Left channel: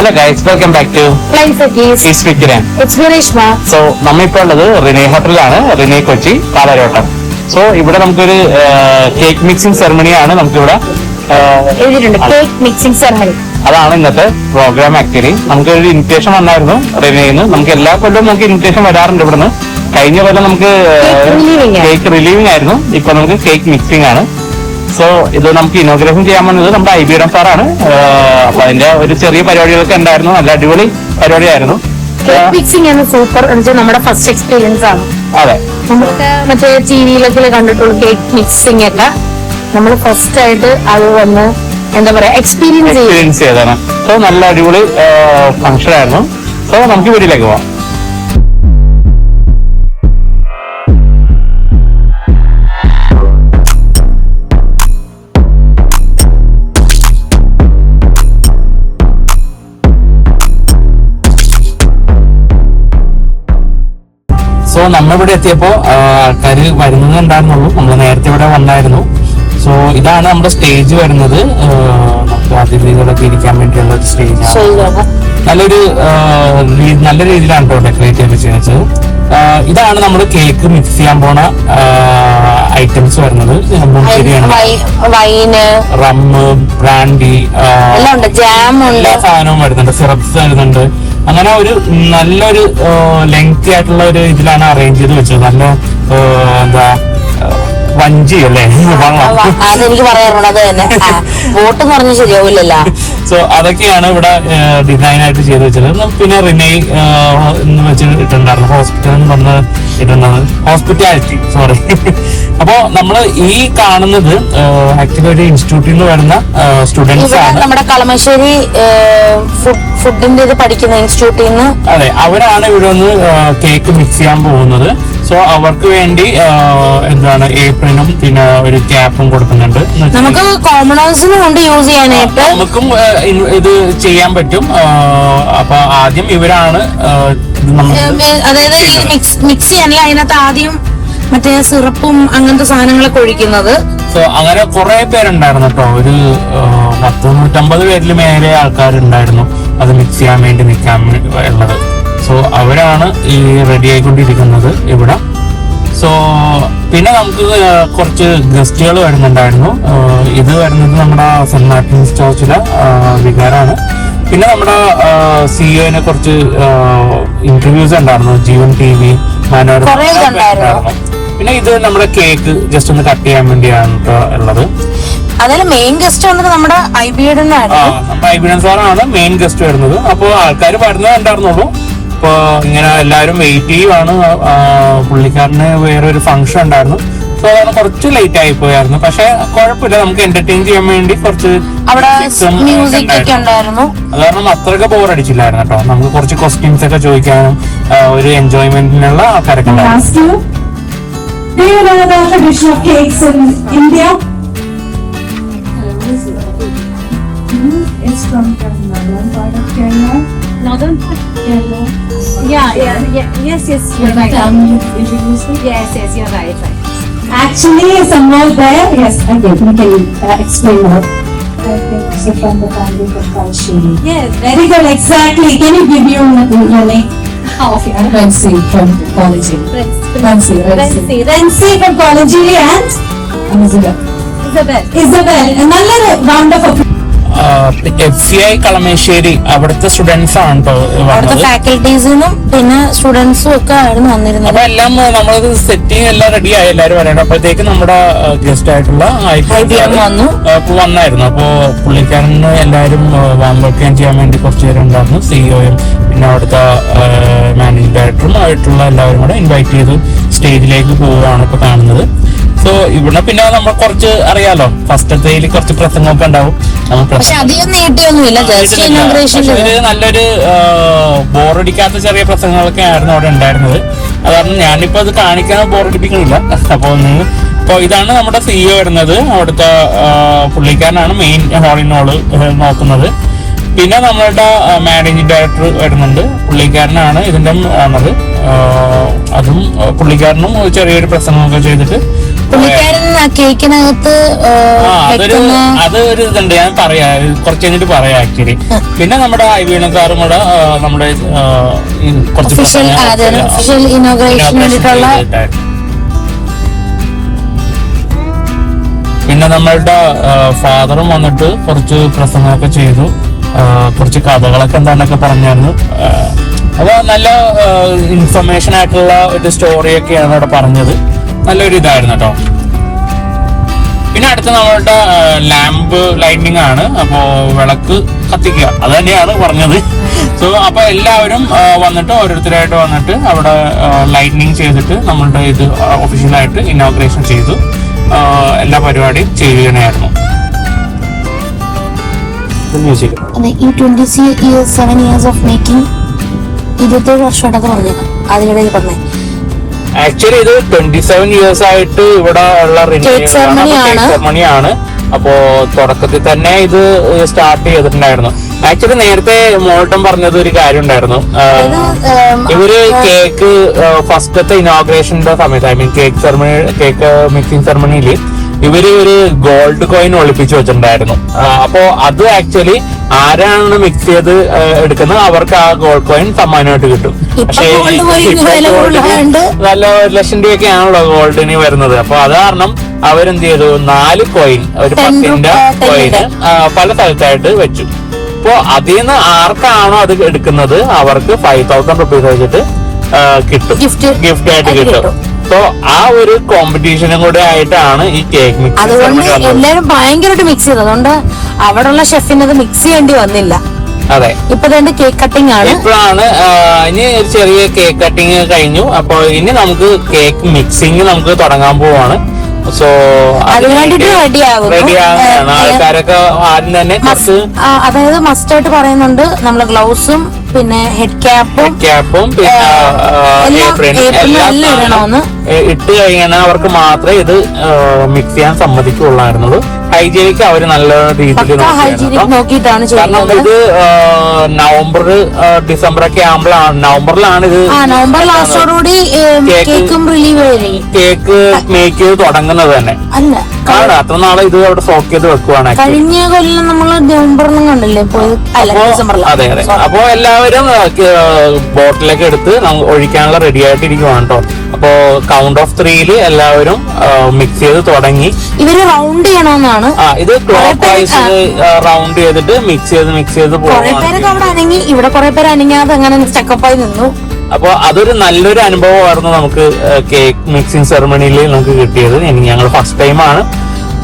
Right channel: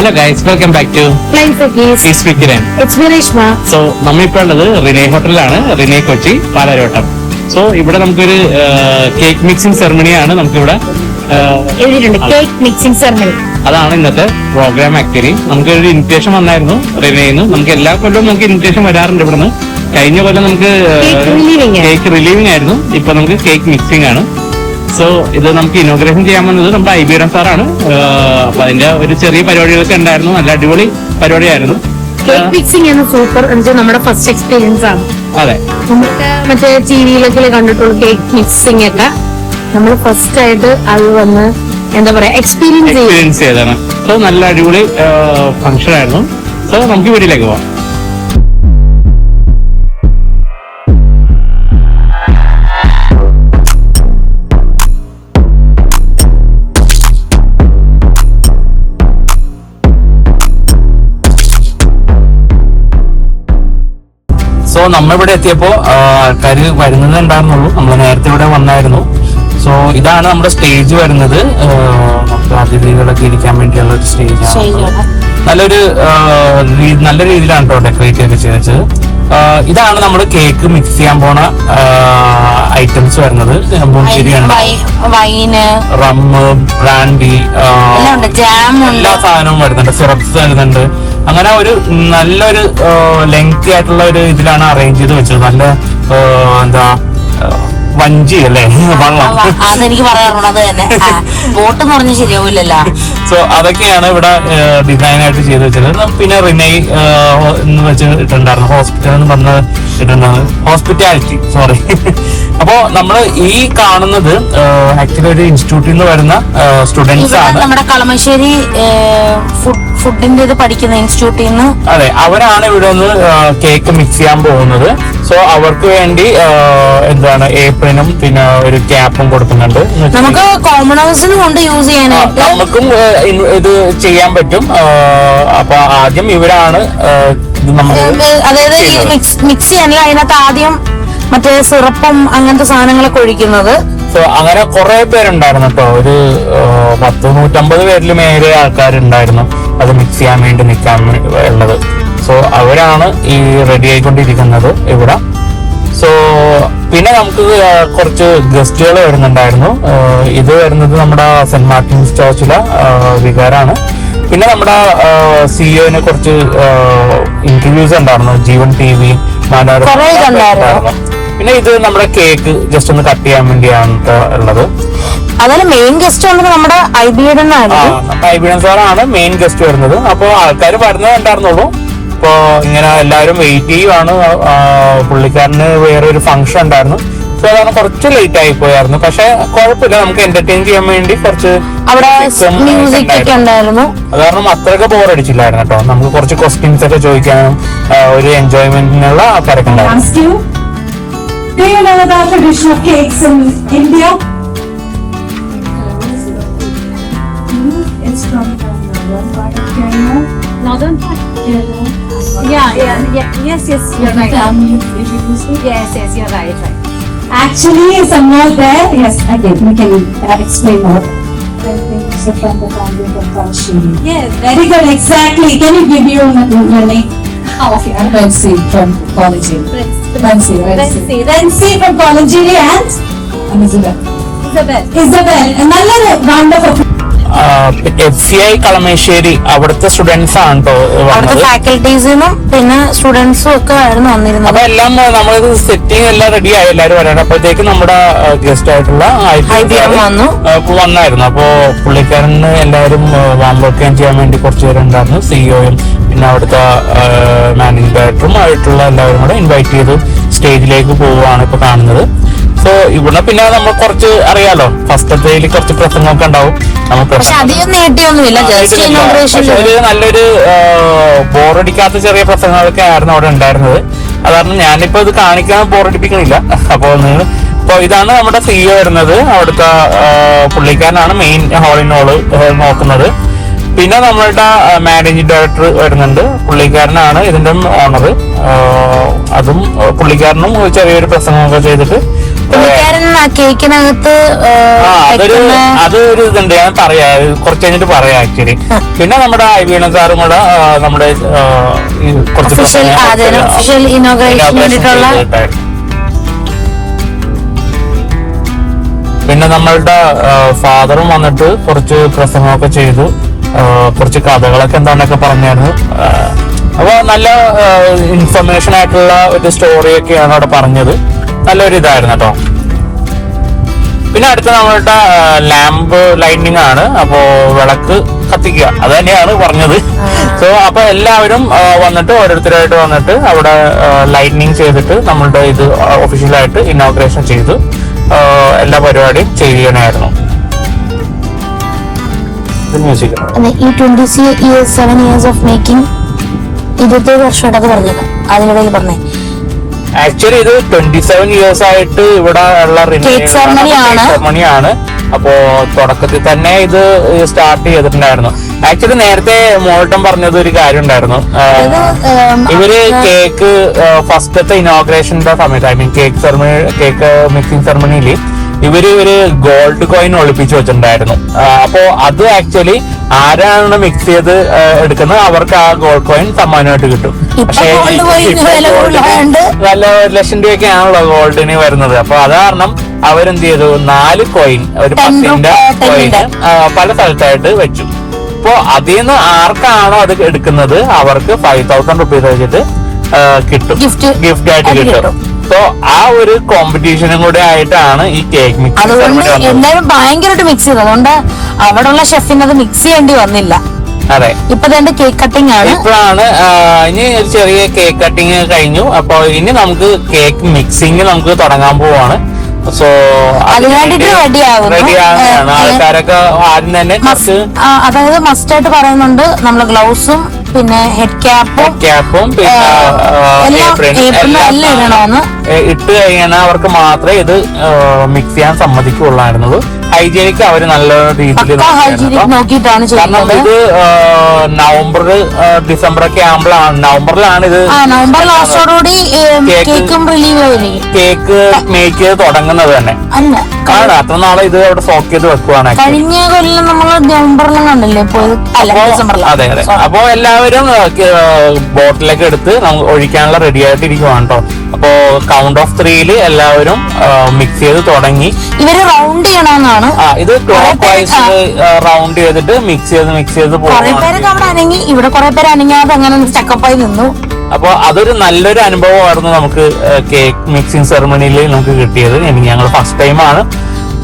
Hello guys, welcome back to ഈസ്റ്റ് വിക്കിരൻ. So നമ്മളിപ്പോൾ ഉള്ളത് റിനേ ഹോട്ടലിലാണ്, റിനേ കൊച്ചി പാലാരോട്ടം. സോ ഇവിടെ നമുക്കൊരു കേക്ക് മിക്സിംഗ് സെറമണിയാണ് നമുക്കിവിടെ കേക്ക് മിക്സിംഗ് സെറമണി. അതാണ് ഇന്നത്തെ പ്രോഗ്രാം. ആക്ച്വലി നമുക്കൊരു ഇൻവിറ്റേഷൻ വന്നായിരുന്നു റിനേന്ന്. നമുക്ക് എല്ലാ കൊല്ലവും നമുക്ക് ഇൻവിറ്റേഷൻ വരാറുണ്ട് ഇവിടുന്ന്. കഴിഞ്ഞ കൊല്ലം നമുക്ക് കേക്ക് റിലീവിംഗ് ആയിരുന്നു, ഇപ്പൊ നമുക്ക് കേക്ക് മിക്സിംഗ് ആണ്. സോ ഇത് നമുക്ക് ഇനോഗ്രേഷൻ ചെയ്യാൻ വന്നത് നമ്മുടെ IBM സാറാണ്. അപ്പൊ അതിന്റെ ഒരു ചെറിയ പരിപാടികളൊക്കെ ഉണ്ടായിരുന്നു, നല്ല അടിപൊളി പരിപാടിയായിരുന്നു. കേക്ക് മിക്സിംഗ് ആണ് സൂപ്പർ. നമ്മുടെ ഫസ്റ്റ് എക്സ്പീരിയൻസ് ആണ്. അതെ, നമുക്ക് മറ്റേ ടിവിയിലൊക്കെ കണ്ടിട്ടുള്ള കേക്ക് മിക്സിംഗ് ഒക്കെ നമ്മൾ ഫസ്റ്റ് ആയിട്ട് അത് വന്ന് എന്താ പറയാ എക്സ്പീരിയൻസ് ചെയ്തതാണ്. സോ നല്ല അടിപൊളി ഫംഗ്ഷൻ ആയിരുന്നു. സോ നമുക്ക് വീട്ടിലേക്ക് പോവാം. സോ നമ്മളിവിടെ എത്തിയപ്പോ ആൾക്കാര് വരുന്നത് ഉണ്ടായിരുന്നുള്ളൂ. നമ്മൾ നേരത്തെ ഇവിടെ വന്നായിരുന്നു. സോ ഇതാണ് നമ്മുടെ സ്റ്റേജ് വരുന്നത്. നമുക്ക് അതിഥികളൊക്കെ ഇരിക്കാൻ വേണ്ടിയുള്ള ഒരു സ്റ്റേജാണ്. നല്ല രീതിയിലാണ് കേട്ടോ ഡെക്കറേറ്റ് ഒക്കെ ചെയ്യുന്നത്. ഇതാണ് നമ്മൾ കേക്ക് മിക്സ് ചെയ്യാൻ പോണ ഐറ്റംസ് വരുന്നത്. റമ്മ്, ബ്രാൻഡി, എല്ലാ സാധനവും വരുന്നുണ്ട്. സിറപ്സ് വരുന്നുണ്ട്. അങ്ങനെ ഒരു നല്ലൊരു ലെങ്തി ആയിട്ടുള്ള ഒരു ഇതിലാണ് അറേഞ്ച് ചെയ്ത് വെച്ചത്. നല്ല എന്താ വഞ്ചി അല്ലേ, വെള്ളം. അതെനിക്ക് പറയാറുണ്ട്. അത് തന്നെ ബോട്ട് എന്ന് പറഞ്ഞാൽ ശരിയാവില്ലല്ലോ. സോ അതൊക്കെയാണ് ഇവിടെ ഡിസൈൻ ആയിട്ട് ചെയ്ത് വെച്ചത്. പിന്നെ റിനൈ എന്ന് വെച്ച് ഇട്ടുണ്ടായിരുന്നു, ഹോസ്പിറ്റൽ എന്ന് പറഞ്ഞ് ഇട്ടുണ്ടായിരുന്നു, ഹോസ്പിറ്റാലിറ്റി, സോറി. അപ്പോ നമ്മള് ഈ കാണുന്നത് ആക്ച്വലി ഒരു ഇൻസ്റ്റിറ്റ്യൂട്ടിൽ നിന്ന് വരുന്ന സ്റ്റുഡൻസ് ആണ്. നമ്മുടെ കളമശ്ശേരി ഫുഡിന്റെ ഇത് പഠിക്കുന്ന ഇൻസ്റ്റിറ്റ്യൂട്ടിൽ നിന്ന്. അതെ, അവരാണ് ഇവിടെ ഒന്ന് കേക്ക് മിക്സ് ചെയ്യാൻ പോകുന്നത്. സോ അവർക്ക് വേണ്ടി എന്താണ് ഏപ്രിനും പിന്നെ ഒരു ക്യാപ്പും കൊടുക്കുന്നുണ്ട്. നമുക്ക് കോമണേഴ്സിനും കൊണ്ട് യൂസ് ചെയ്യാനായിട്ട് നമുക്കും ഇത് ചെയ്യാൻ പറ്റും. അപ്പൊ ആദ്യം ഇവരാണ് അതായത് ഈ മിക്സ് ചെയ്യാനല്ല, അതിനകത്ത് ആദ്യം മറ്റേ സിറപ്പും അങ്ങനത്തെ സാധനങ്ങളൊക്കെ ഒഴിക്കുന്നത്. സോ അങ്ങനെ കുറെ പേരുണ്ടായിരുന്നു കേട്ടോ. ഒരു 150 പേരിൽ മേലെ ആൾക്കാരുണ്ടായിരുന്നു അത് മിക്സ് ചെയ്യാൻ വേണ്ടി നിൽക്കാൻ ഉള്ളത്. സോ അവരാണ് ഈ റെഡി ആയിക്കൊണ്ടിരിക്കുന്നത് ഇവിടെ. സോ പിന്നെ നമുക്ക് കുറച്ച് ഗസ്റ്റുകൾ വരുന്നുണ്ടായിരുന്നു. ഇത് വരുന്നത് നമ്മുടെ സെന്റ് മാർട്ടിൻസ് ചർച്ചിലെ വികാരാണ്. പിന്നെ നമ്മുടെ CEO കുറച്ച് ഇന്റർവ്യൂസ് ഉണ്ടായിരുന്നു, ജീവൻ TV, മനോരമ ഉണ്ടായിരുന്നു. പിന്നെ ഇത് നമ്മുടെ കേക്ക് ജസ്റ്റ് ഒന്ന് കട്ട് ചെയ്യാൻ വേണ്ടിയാണ് ഉള്ളത്. മെയിൻ ഗസ്റ്റ് നമ്മുടെ IBM സാറാണ് മെയിൻ ഗസ്റ്റ് വരുന്നത്. അപ്പൊ ആൾക്കാർ വരുന്നേ ഉണ്ടായിരുന്നുള്ളൂ. അപ്പൊ ഇങ്ങനെ എല്ലാവരും വെയിറ്റ് ചെയ്യുവാണ്. പുള്ളിക്കാരന് വേറെ ഒരു ഫംഗ്ഷൻ ഉണ്ടായിരുന്നു. സോ അതാണ് കുറച്ച് ലേറ്റ് ആയി പോയായിരുന്നു. പക്ഷെ കുഴപ്പമില്ല, നമുക്ക് എന്റർടൈൻ ചെയ്യാൻ വേണ്ടി കുറച്ച് അത് കാരണം അത്രയൊക്കെ ബോറടിച്ചില്ലായിരുന്നു കേട്ടോ. നമുക്ക് കുറച്ച് ക്വസ്റ്റ്യൻസ് ഒക്കെ ചോദിക്കാനും ഒരു എൻജോയ്മെന്റിനുള്ള തിരക്കുണ്ടായിരുന്നു. Do you know the tradition of cakes in India? It's from the northern part of Kerala. Northern part? Kerala. Yes, you're right. Introduce me? Yes, you're right. Actually, somewhere there, yes, again, we can explain more. I think it's from the family of Kalashiri. Yes, Very good, exactly. Can you give your name? okay. I'm Rensi from Kalashiri. Rensi from Kalashiri and Isabel. Another round of applause. FCI Kalamassery അവിടുത്തെ students ആണ് കേട്ടോ. ഫാക്കൽറ്റീസിനും പിന്നെ സ്റ്റുഡൻസും ഒക്കെ ആയിരുന്നു വന്നിരുന്നത്. അപ്പൊ എല്ലാം നമ്മളിത് സെറ്റിംഗ് എല്ലാം റെഡി ആയി, എല്ലാവരും വരണം. അപ്പോഴത്തേക്ക് നമ്മുടെ ഗസ്റ്റ് ആയിട്ടുള്ള വന്നായിരുന്നു. അപ്പോ പുള്ളിക്കാരന് എല്ലാവരും വാമ്പൊക്കെയും ചെയ്യാൻ വേണ്ടി കുറച്ച് പേരുണ്ടായിരുന്നു. CEOയും പിന്നെ അവിടുത്തെ മാനേജിംഗ് ഡയറക്ടറും ആയിട്ടുള്ള എല്ലാവരും കൂടെ ഇൻവൈറ്റ് ചെയ്ത് സ്റ്റേജിലേക്ക് പോവുകയാണ് ഇപ്പൊ കാണുന്നത്. സോ ഇവിടെ പിന്നെ നമ്മൾ കുറച്ച് അറിയാലോ, ഫസ്റ്റത്തേല് കുറച്ച് പ്രസംഗമൊക്കെ ഉണ്ടാവും. പക്ഷെ അധികം നീട്ടിയൊന്നുമില്ല, ഒരു നല്ലൊരു ബോറടിക്കാത്ത ചെറിയ പ്രസംഗങ്ങളൊക്കെ ആയിരുന്നു അവിടെ ഉണ്ടായിരുന്നത്. അതാണ് ഞാനിപ്പോ ഇത് കാണിക്കാൻ ബോറടിപ്പിക്കണില്ല. അപ്പോൾ ഇതാണ് നമ്മുടെ CEO വരുന്നത്. അവിടുത്തെ പുള്ളിക്കാരനാണ് മെയിൻ ഹാളിനോള് നോക്കുന്നത്. പിന്നെ നമ്മളുടെ മാനേജിംഗ് ഡയറക്ടർ വരുന്നുണ്ട്, പുള്ളിക്കാരനാണ് ഇതിന്റെ ഓണർ. അതും പുള്ളിക്കാരനും ചെറിയൊരു പ്രസംഗമൊക്കെ ചെയ്തിട്ട് പുള്ളിക്കാരൻ ആ കേക്കിനകത്ത് അതൊരു ഇതുണ്ട്, ഞാൻ പറയാ കുറച്ച് കഴിഞ്ഞിട്ട് പറയാം ആക്ച്വലി. പിന്നെ നമ്മുടെ ഐവീണ സാറും കൂടെ നമ്മുടെ ഒഫീഷ്യൽ ഇനോഗ്രേഷന് വേണ്ടിയിട്ടുള്ള. പിന്നെ നമ്മളുടെ ഫാദറും വന്നിട്ട് കുറച്ച് പ്രസംഗമൊക്കെ ചെയ്തു, കുറച്ച് കഥകളൊക്കെ എന്താണെന്നൊക്കെ പറഞ്ഞായിരുന്നു. അപ്പൊ നല്ല ഇൻഫർമേഷൻ ആയിട്ടുള്ള ഒരു സ്റ്റോറിയൊക്കെയാണ് അവിടെ പറഞ്ഞത്. നല്ലൊരു ഇതായിരുന്നു കേട്ടോ. പിന്നെ അടുത്ത നമ്മളുടെ ലാമ്പ് ലൈറ്റിനിങ് ആണ്. അപ്പോ വിളക്ക് കത്തിക്കുക, അത് തന്നെയാണ് പറഞ്ഞത്. സോ അപ്പൊ എല്ലാവരും വന്നിട്ട് ഓരോരുത്തരായിട്ട് വന്നിട്ട് അവിടെ ലൈറ്റിനിങ് ചെയ്തിട്ട് നമ്മളുടെ ഇത് ഒഫീഷ്യലായിട്ട് ഇനോഗ്രേഷൻ ചെയ്തു എല്ലാ പരിപാടിയും ചെയ്യണമായിരുന്നു. ഈ 27 years ഓഫ് മേക്കിംഗ് 20 വർഷമായിട്ടൊക്കെ പറഞ്ഞത് അതിനോട് പറഞ്ഞത്. ആക്ച്വലി ഇത് 27 years ആയിട്ട് ഇവിടെ കേക്ക് സെറമണിയാണ്. അപ്പോ തുടക്കത്തിൽ തന്നെ ഇത് സ്റ്റാർട്ട് ചെയ്തിട്ടുണ്ടായിരുന്നു. ആക്ച്വലി നേരത്തെ മോൾട്ടൻ പറഞ്ഞത് ഒരു കാര്യം ഉണ്ടായിരുന്നു. ഇവര് കേക്ക് ഫസ്റ്റത്തെ ഇനോഗ്രേഷന്റെ സമയത്ത്, ഐ മീൻ കേക്ക് മിക്സിംഗ് സെറമണിയില് ഇവര് ഒരു ഗോൾഡ് കോയിൻ ഒളിപ്പിച്ച് വെച്ചിട്ടുണ്ടായിരുന്നു. അപ്പൊ അത് ആക്ച്വലി ആരാണ് മിക്സ് ചെയ്ത് എടുക്കുന്നത് അവർക്ക് ആ ഗോൾഡ് കോയിൻ സമ്മാനമായിട്ട് കിട്ടും. പക്ഷേ നല്ല 1 ലക്ഷം രൂപയൊക്കെ ആണല്ലോ ഗോൾഡിന് വരുന്നത്. അപ്പൊ അത് കാരണം അവരെന്ത് ചെയ്തു, 4 കോയിൻ, ഒരു 10ന്റെ കോയിൻ പല സ്ഥലത്തായിട്ട് വെച്ചു. അപ്പൊ അതിൽ നിന്ന് ആർക്കാണോ അത് എടുക്കുന്നത് അവർക്ക് 5,000 രൂപ വെച്ചിട്ട് കിട്ടും, ഗിഫ്റ്റ് ആയിട്ട് കിട്ടും. സോ ആ ഒരു കോമ്പറ്റീഷനും കൂടെ ആയിട്ടാണ് ഈ കേക്ക് മിക്സ്. എല്ലാവരും ഭയങ്കരമായിട്ട് മിക്സ് ചെയ്തു, അതുകൊണ്ട് അവിടെയുള്ള ഷെഫിന് അത് മിക്സ് ചെയ്യേണ്ടി വന്നില്ല. അതെ, ഇപ്പൊ രണ്ട് കേക്ക് കട്ടിംഗ് ആണ്. ഇപ്പോഴാണ് ഇനി ഒരു ചെറിയ കേക്ക് കട്ടിങ് കഴിഞ്ഞു. അപ്പൊ ഇനി നമുക്ക് കേക്ക് മിക്സിങ് നമുക്ക് തുടങ്ങാൻ പോവാണ്. സോ അതിനുവേണ്ടിട്ട് റെഡിയാകും ആൾക്കാരൊക്കെ ആദ്യം തന്നെ അതായത് മസ്റ്റായിട്ട് പറയുന്നുണ്ട് നമ്മൾ ഗ്ലൗസും പിന്നെ ഹെഡ് ക്യാപ്പും പിന്നെ എല്ലാം ഇട്ട് കഴിഞ്ഞാൽ അവർക്ക് മാത്രമേ ഇത് മിക്സ് ചെയ്യാൻ സമ്മതിക്കുള്ളായിരുന്നത്. ഹൈജീനിക്ക് അവർ നല്ല രീതിയിൽ നോക്കിയിട്ടാണ് ചെയ്യുന്നത്. ഇത് നവംബർ ഡിസംബർ ഒക്കെ ആകുമ്പോഴാണ്, നവംബറിലാണ് ഇത് നവംബർ ലാസ്റ്റോടുകൂടി കേക്ക് മേക്ക് ചെയ്ത് തുടങ്ങുന്നത് തന്നെ. കാരണം അത്ര നാളെ ഇത് അവിടെ സ്റ്റോക്ക് ചെയ്ത് വെക്കുവാണ്. കഴിഞ്ഞ കൊല്ലം നമ്മള് നവംബറിലുണ്ടല്ലോ. അതെ അതെ. അപ്പൊ എല്ലാവരും ബോട്ടിലൊക്കെ എടുത്ത് ഒഴിക്കാനുള്ള റെഡി ആയിട്ടിരിക്കുകയാണ് കേട്ടോ. അപ്പൊ കൗണ്ട് ഓഫ് 3 എല്ലാവരും മിക്സ് ചെയ്ത് തുടങ്ങി. ഇവര് റൗണ്ട് ചെയ്യണമെന്നാണ്. ഇത് റൗണ്ട് ചെയ്തിട്ട് മിക്സ് ചെയ്ത് ഇവിടെ കുറെ പേര് അനങ്ങാതെ അങ്ങനെ ചക്കപ്പായി നിന്നു. അപ്പൊ അതൊരു നല്ലൊരു അനുഭവമായിരുന്നു നമുക്ക് കേക്ക് മിക്സിംഗ് സെറമണിയിൽ നമുക്ക് കിട്ടിയത്. ഞങ്ങൾ ഫസ്റ്റ് ടൈമാണ്.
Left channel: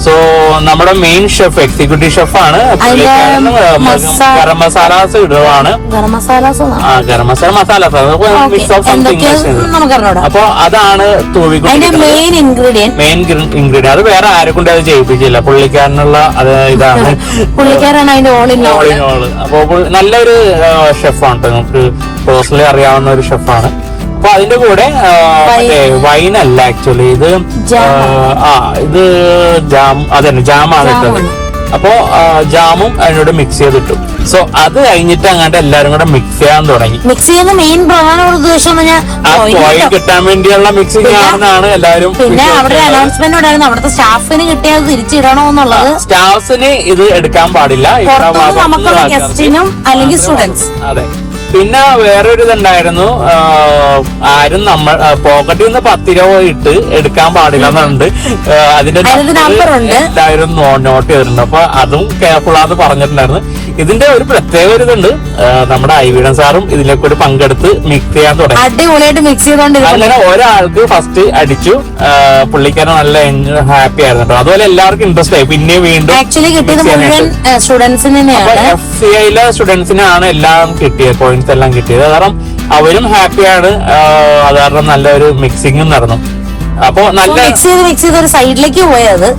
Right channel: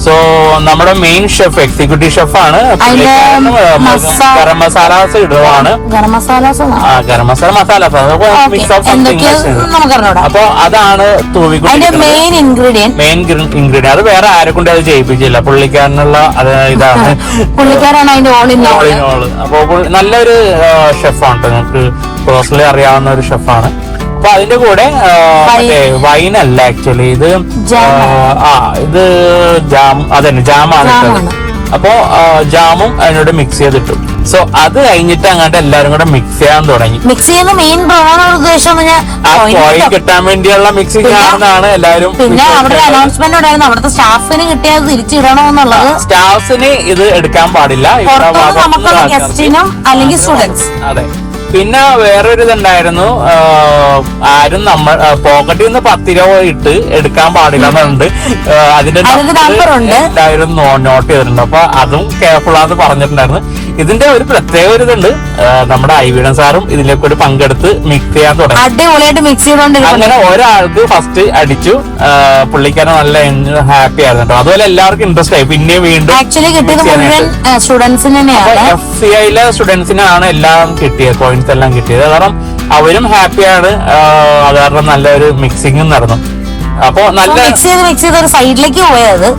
സോ നമ്മുടെ മെയിൻ ഷെഫ് എക്സിക്യൂട്ടീവ് ഷെഫാണ്. ഗരം മസാലാസ് ഇടുവാണ്. ഗരം മസാല അപ്പൊ അതാണ് മെയിൻ ഇൻഗ്രീഡിയന്റ്. അത് വേറെ ആരെ കൊണ്ട് അത് ചെയ്യിപ്പിച്ചില്ല, പുള്ളിക്കാരനുള്ള ഇതാണ്. പുള്ളിക്കാരാണ് അതിന്റെ ഓണില്ല. അപ്പൊ നല്ലൊരു ഷെഫാണ്, നമുക്ക് പേഴ്സണലി അറിയാവുന്ന ഒരു ഷെഫാണ്. അപ്പൊ അതിന്റെ കൂടെ വൈനല്ല ആക്ച്വലി ഇത് ഇത് ജാമാണ് ഇട്ടത്. അപ്പൊ ജാമും അതിനോട് മിക്സ് ചെയ്തിട്ടു. സോ അത് കഴിഞ്ഞിട്ട് അങ്ങോട്ട് എല്ലാവരും കൂടെ മിക്സ് ചെയ്യാൻ തുടങ്ങി. മിക്സ് ചെയ്യുന്ന മെയിൻ പ്രധാന ഉദ്ദേശം കിട്ടാൻ വേണ്ടിയുള്ള മിക്സിംഗ് ആണെന്നാണ് എല്ലാവരും. പിന്നെ അവിടെ അനൗൺസ്മെന്റ് ഉണ്ടായിരുന്നു, അവിടുത്തെ സ്റ്റാഫിന് കിട്ടിയാൽ തിരിച്ചിടണമെന്നുള്ളത്. സ്റ്റാഫിന് ഇത് എടുക്കാൻ പാടില്ല, നമുക്കുള്ള ഗസ്റ്റിനും അല്ലെങ്കിൽ സ്റ്റുഡൻസ്. അതെ. പിന്നെ വേറെ ഒരു ഇതുണ്ടായിരുന്നു, ആരും നമ്മൾ പോക്കറ്റിൽ നിന്ന് 10 രൂപ ഇട്ട് എടുക്കാൻ പാടില്ലെന്നുണ്ട്. അതിന്റെ എല്ലാവരും നോട്ട് ചെയ്തിരുന്നു. അപ്പൊ അതും കെയർഫുള്ളാന്ന് പറഞ്ഞിട്ടുണ്ടായിരുന്നു. ഇതിന്റെ ഒരു പ്രത്യേക ഒരു ഇതുണ്ട്, നമ്മുടെ ഐവിഡൻ സാറും ഇതിനെ കൂടെ പങ്കെടുത്ത് മിക്സ് ചെയ്യാൻ തുടങ്ങി. അടിപൊളിയായിട്ട് മിക്സ് ചെയ്തോണ്ടിരുന്നു. അങ്ങനെ ഒരാൾക്ക് ഫസ്റ്റ് അടിച്ചു, പുള്ളിക്കാരൻ നല്ല ഹാപ്പി ആയിരുന്നു. അതുപോലെ എല്ലാവർക്കും ഇൻട്രസ്റ്റ് ആയി. പിന്നെ വീണ്ടും ആക്ച്വലി കിട്ടിയത് എഫ്സിഐയിലെ സ്റ്റുഡൻസിനാണ് എല്ലാം കിട്ടിയത്, പോയിന്റ്സ് എല്ലാം കിട്ടിയത്. കാരണം അവരും ഹാപ്പിയാണ്, അവരുടെ നല്ലൊരു മിക്സിംഗും നടന്നു. അപ്പൊ നല്ല മിക്സ് ചെയ്ത് ഒരു സൈഡിലേക്ക് പോയായിരുന്നു.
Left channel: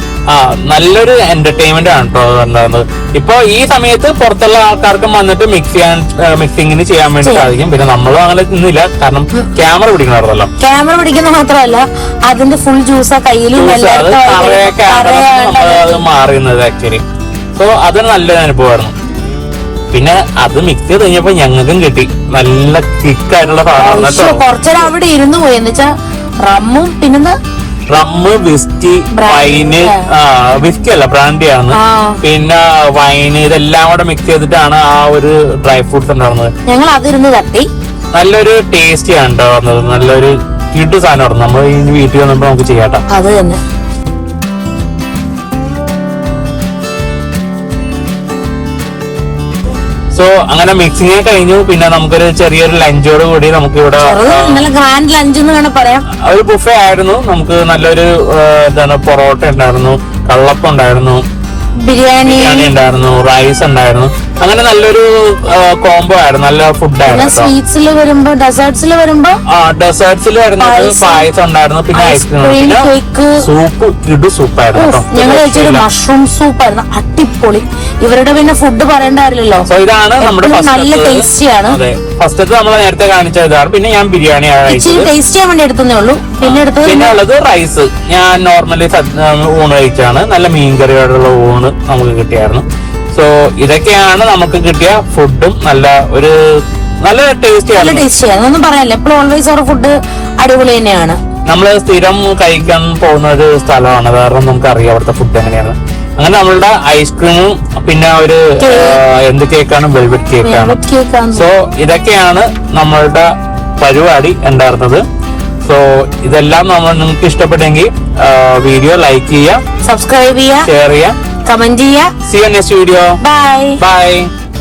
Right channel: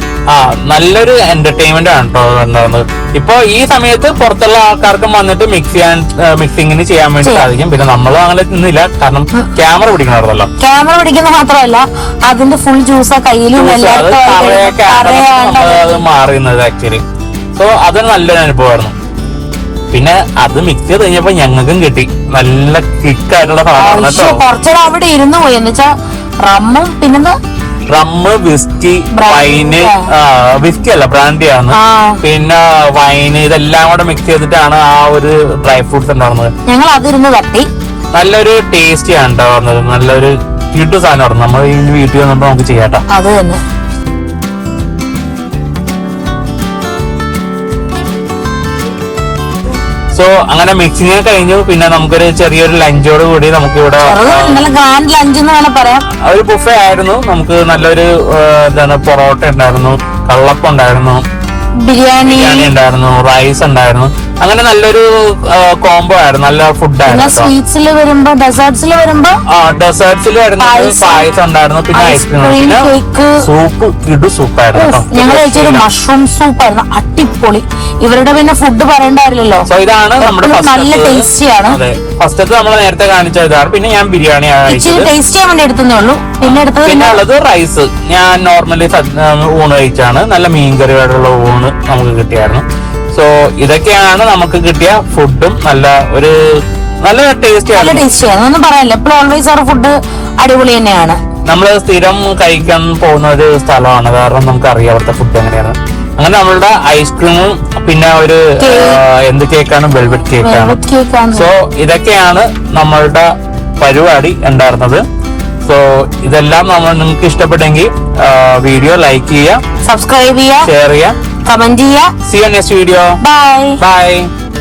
നല്ലൊരു എന്റർടൈൻമെന്റ് ആണ് കേട്ടോ വരുന്നത്. ഇപ്പൊ ഈ സമയത്ത് പുറത്തുള്ള ആൾക്കാർക്കും വന്നിട്ട് മിക്സിംഗിന് ചെയ്യാൻ വേണ്ടി സാധിക്കും. പിന്നെ നമ്മൾ അങ്ങനെ ഒന്നുമില്ല, കാരണം ക്യാമറ പിടിക്കണമല്ലോ. ക്യാമറ പിടിക്കുന്ന മാത്രമല്ല അതിന്റെ ഫുൾ ജ്യൂസ് കയ്യിലും മാറുന്നത് ആക്ച്വലി. സോ അത് നല്ലൊരു അനുഭവമാണ്. പിന്നെ അത് മിക്സ് ചെയ്ത് കഴിഞ്ഞപ്പോ ഞങ്ങൾക്കും കിട്ടി നല്ല ക്വിക്കായിട്ടുള്ള കുറച്ചേരം അവിടെ ഇരുന്ന് പോയി. എന്ന് വെച്ചാൽ റമ്മും പിന്നെ rum ice cream, whisky, wine, whisky അല്ല ബ്രാൻഡിയാണ്, പിന്നെ വൈന്, ഇതെല്ലാം കൂടെ മിക്സ് ചെയ്തിട്ടാണ് ആ ഒരു ഡ്രൈ ഫ്രൂട്ട്സ് ഉണ്ടാകുന്നത്. ഞങ്ങൾ അതിരുന്ന് തട്ടി. നല്ലൊരു ടേസ്റ്റി ആണ് ഉണ്ടാകുന്നത്. നല്ലൊരു വീട്ടു സാധനമാണ്. നമ്മൾ ഈ വീട്ടിൽ വന്നിട്ട് നമുക്ക് ചെയ്യാട്ടോ. അത് തന്നെ. സോ അങ്ങനെ മിക്സിങ് കഴിഞ്ഞു. പിന്നെ നമുക്കൊരു ചെറിയൊരു ലഞ്ചോട് കൂടി നമുക്ക് ഇവിടെ ഗ്രാൻഡ് ലഞ്ച് എന്ന് തന്നെ പറയാം. ഒരു ബുഫേ ആയിരുന്നു. നമുക്ക് നല്ലൊരു എന്താണ് പൊറോട്ട ഉണ്ടായിരുന്നു, വെള്ളപ്പം ഉണ്ടായിരുന്നു, ബിരിയാണി ഉണ്ടായിരുന്നു, റൈസ് ഉണ്ടായിരുന്നു. അങ്ങനെ നല്ലൊരു കോംബോ ആയിരുന്നു. നല്ല ഫുഡായിരുന്നു. സ്വീറ്റ്സിൽ വരുമ്പോ ഡെസേർട്സിൽ വരുമ്പോ ഡെസേർട്സിൽ വരുന്ന പായസം ഉണ്ടായിരുന്നു. പിന്നെ ഐസ്ക്രീം, സൂപ്പ്, ഇത് സൂപ്പായിരുന്നു. ഞങ്ങൾ കഴിച്ചൊരു മഷ്റൂം സൂപ്പാണ്, അടിപൊളി. ഇവരുടെ പിന്നെ ഫുഡ് പറയണ്ടാവില്ലല്ലോ. സോ ഇതാണ് നമ്മുടെ നല്ല ടേസ്റ്റിയാണ്. ഫസ്റ്റൊക്കെ നമ്മൾ നേരത്തെ കാണിച്ചതാണ്. പിന്നെ ഞാൻ ബിരിയാണിയാണ് ഇച്ചിരി ടേസ്റ്റ് ചെയ്യാൻ വേണ്ടി എടുത്തേ ഉള്ളൂ. പിന്നെ എടുത്തത് പിന്നെ ഉള്ളത് റൈസ്. ഞാൻ നോർമലി ഊണ് കഴിച്ചാണ്. നല്ല മീൻകറിയോടുള്ള ഊണ് നമുക്ക് കിട്ടിയായിരുന്നു. സോ ഇതൊക്കെയാണ് നമുക്ക് കിട്ടിയ ഫുഡും. നല്ല ടേസ്റ്റിയാണ്. ടേസ്റ്റിയാണ്, ഒന്നും പറയാനില്ല. ഇപ്പോൾ ഓൾവേസ് ഒരു ഫുഡ് അടിപൊളി തന്നെയാണ്. നമ്മൾ സ്ഥിരം കഴിക്കാൻ പോകുന്ന ഒരു സ്ഥലമാണ്. കാരണം നമുക്ക് അറിയാത്ത ഫുഡ് എങ്ങനെയാണ്. അങ്ങനെ നമ്മളുടെ ഐസ്ക്രീമും പിന്നെ ഒരു എന്ത് കേക്കാണ്, വെൽവെറ്റ് കേക്കാണ്. സോ ഇതൊക്കെയാണ് നമ്മളുടെ പരിപാടി ഉണ്ടായിരുന്നത്. സോ ഇതെല്ലാം നിങ്ങൾക്ക് ഇഷ്ടപ്പെട്ടെങ്കിൽ വീഡിയോ ലൈക്ക് ചെയ്യുക, സബ്സ്ക്രൈബ് ചെയ്യുക, ഷെയർ ചെയ്യുക, കമന്റ് ചെയ്യുക. See you next video. Bye. Bye.